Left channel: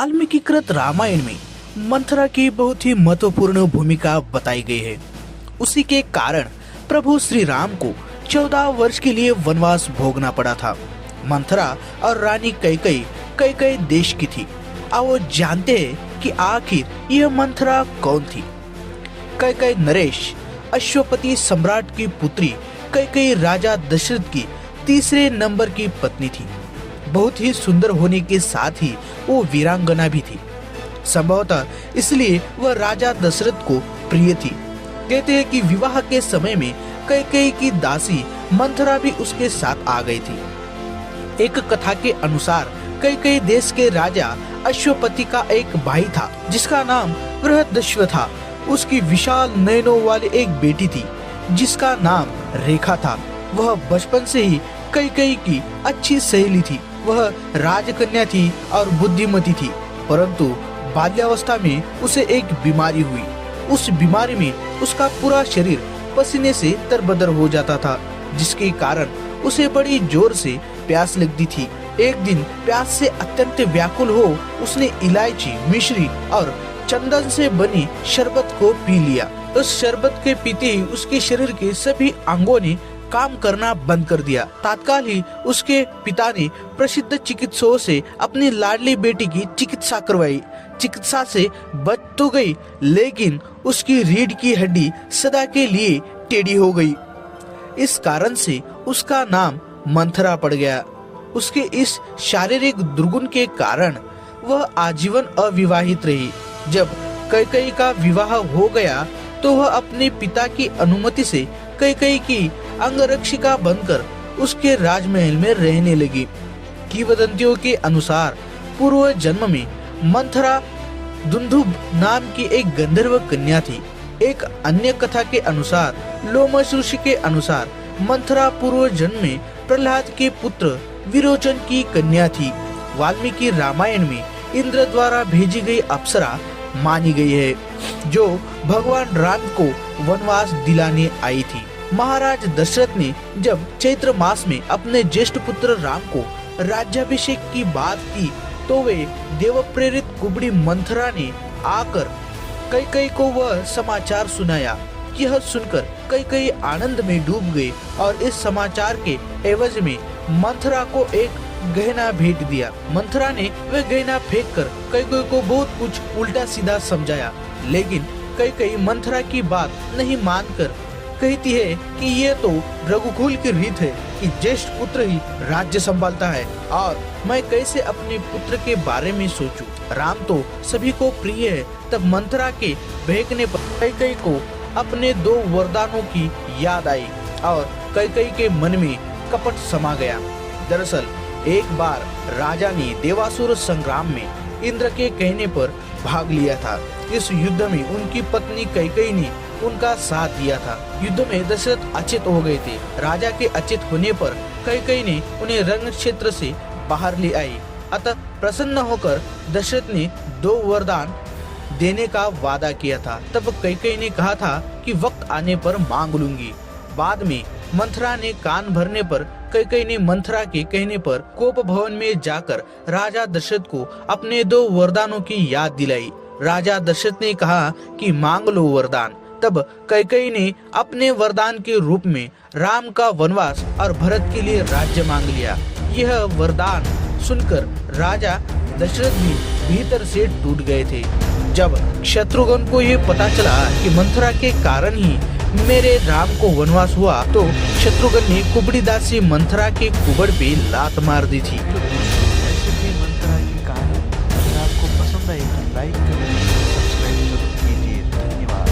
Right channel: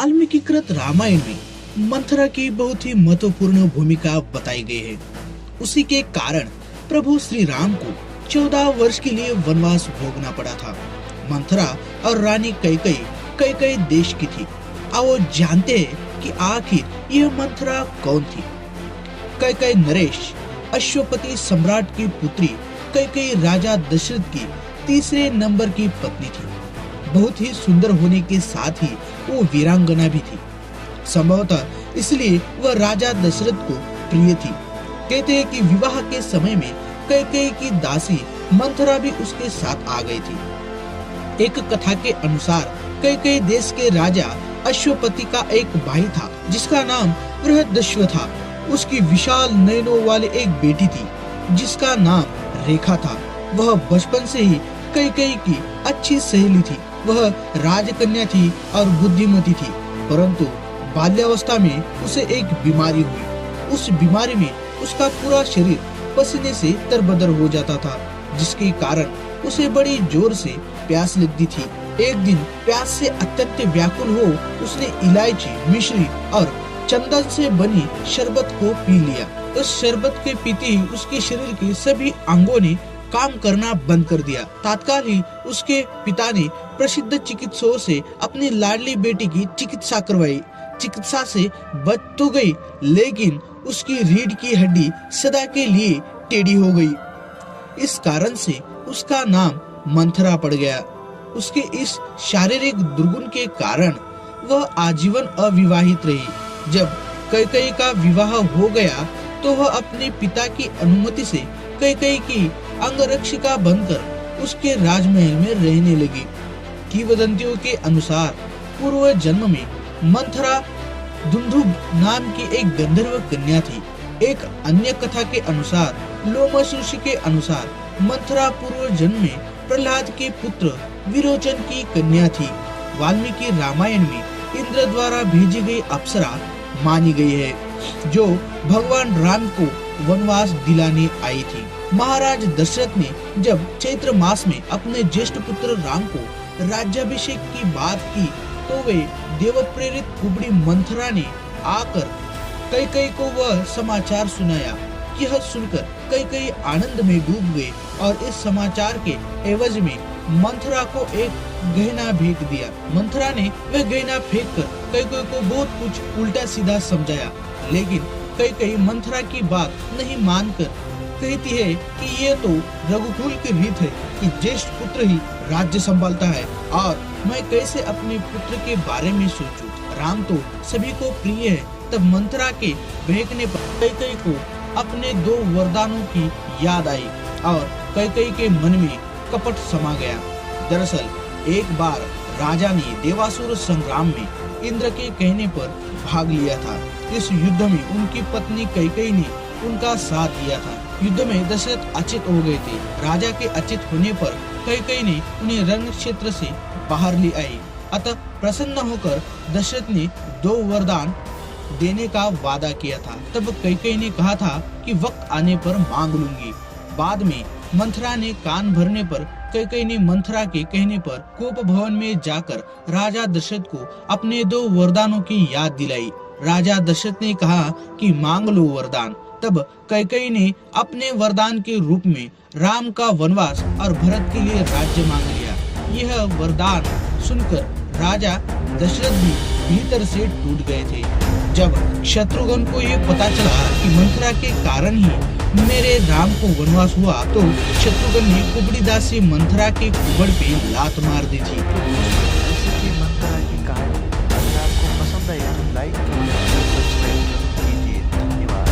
वाल्मीकि कृत रामायण में मंथरा की बहुत ही महत्वपूर्ण भूमिका बताई गई है। उसी के कारण प्रभु श्री राम को 14 वर्ष के लिए वनवास भोगना पड़ा था। मंथरा और रानी कैकेयी देश की थी। अब वो जानते हैं कि आखिर यह मंथरा कौन थी। कैकेयी नरेश अश्वपति सम्राट की पुत्री कैकेयी राजा दशरथ की तीसरे नंबर की पत्नी थी। बहुत ही सुंदर होने के साथ ही वो वीरांगना भी थी। संभवतः इसलिए वह राजा दशरथ को प्रिय थी। कहते हैं कि विवाह के समय में कैकेयी की दासी मंथरा भी उसके साथ आ गई थी। एक कथा के अनुसार कैकेयी देश के राजा अश्वपति का एक भाई था जिसका नाम बृहदश्व था। उसकी विशाल नयनों वाली एक बेटी थी जिसका नाम रेखा था। वह बचपन से ही कैकेयी की अच्छी सहेली थी। वह राजकन्या थी और बुद्धिमती थी, परंतु बाल्यावस्था में उसे एक बीमारी हुई। उस बीमारी में उसका पूरा शरीर पसीने से तरबतर हो जाता था, जिसके कारण उसे बड़ी जोर से प्यास लगती थी। एक दिन प्यास से अत्यंत व्याकुल हो उसने इलायची, मिश्री और चंदन से बनी शरबत को पी लिया। उस शरबत के पीते ही उसके शरीर के सभी अंगों ने काम करना बंद कर दिया। तत्काल ही उसके पिता ने प्रसिद्ध चिकित्सकों से अपनी लाडली बेटी की चिकित्सा करवाई। चिकित्सा से बच तो गई, लेकिन उसकी रीढ़ की हड्डी सदा के लिए टेढ़ी हो गई। इस कारण से उसका नाम मंथरा पड़ गया। उसके इस शारीरिक दुर्गुण के कारण वह आजीवन अविवाहित रही। जब कैकेयी का विवाह हो गया तो वह अपने पिता की अनुमति से कैकेयी की अंगरक्षिका बनकर उसके राजमहल में रहने लगी। किंवदंतियों के अनुसार पूर्व जन्म में मंथरा दुंदुभ नाम की एक गंधर्व कन्या थी। एक अन्य कथा के अनुसार लोमश ऋषि के अनुसार मंथरा पूर्व जन्म में प्रहलाद के पुत्र विरोचन की कन्या थी। वाल्मीकि रामायण में इंद्र द्वारा भेजी गई अप्सरा मानी गई है, जो भगवान राम को वनवास दिलाने आई थी। महाराज दशरथ ने जब चैत्र मास में अपने ज्येष्ठ पुत्र राम को राज्याभिषेक की बात की तो वे देव प्रेरित कुबड़ी मंथरा ने आकर कैकेयी को वह समाचार सुनाया। यह सुनकर कैकेयी आनंद में डूब गए और इस समाचार के एवज में मंथरा को एक गहना भेंट दिया। मंथरा ने वह गहना फेंक कर कैकेयी को बहुत कुछ उल्टा सीधा समझाया, लेकिन कैकेयी मंथरा की बात नहीं मानकर कहती है कि ये तो रघुकुल की रीत है कि ज्येष्ठ पुत्र ही राज्य संभालता है और मैं कैसे अपने पुत्र के बारे में सोचूं। राम तो सभी को प्रिय है। तब मंथरा के बहकने पर कैकेयी को अपने 2 वरदानों की याद आई और कैकेयी के मन में कपट समा गया। दरअसल एक बार राजा ने देवासुर संग्राम में इंद्र के कहने पर भाग लिया था। इस युद्ध में उनकी पत्नी कैकेयी ने उनका साथ दिया था। युद्ध में दशरथ अचेत हो गए थे। राजा के अचेत होने पर कैकेयी ने उन्हें रण क्षेत्र से बाहर ले आई। अतः प्रसन्न होकर दशरथ ने 2 वरदान देने का वादा किया था। तब कैकेयी ने कहा था कि वक्त आने पर मांग लूंगी। बाद में मंथरा ने कान भरने पर कैकेयी ने मंथरा के कहने पर कोप भवन में जाकर राजा दशरथ को अपने 2 वरदानों की याद दिलाई। राजा दशरथ ने कहा कि मांग लो वरदान। तब कैकेयी ने अपने वरदान के रूप में राम का वनवास और भरत के लिए राज्य मांग लिया। यह वरदान सुनकर राजा दशरथ भी भीतर से टूट गए थे। जब शत्रुघ्न को ये पता चला कि मंथरा के कारण ही मेरे राम को वनवास हुआ, तो शत्रुघ्न ने कुबड़ीदास से मंथरा के कुबड़ पे लात मार दी थी। तो दोस्तों, ऐसी थी मंथरा की कहानी। अगर आपको पसंद आई तो लाइक, कमेंट और सब्सक्राइब जरूर कीजिए। धन्यवाद।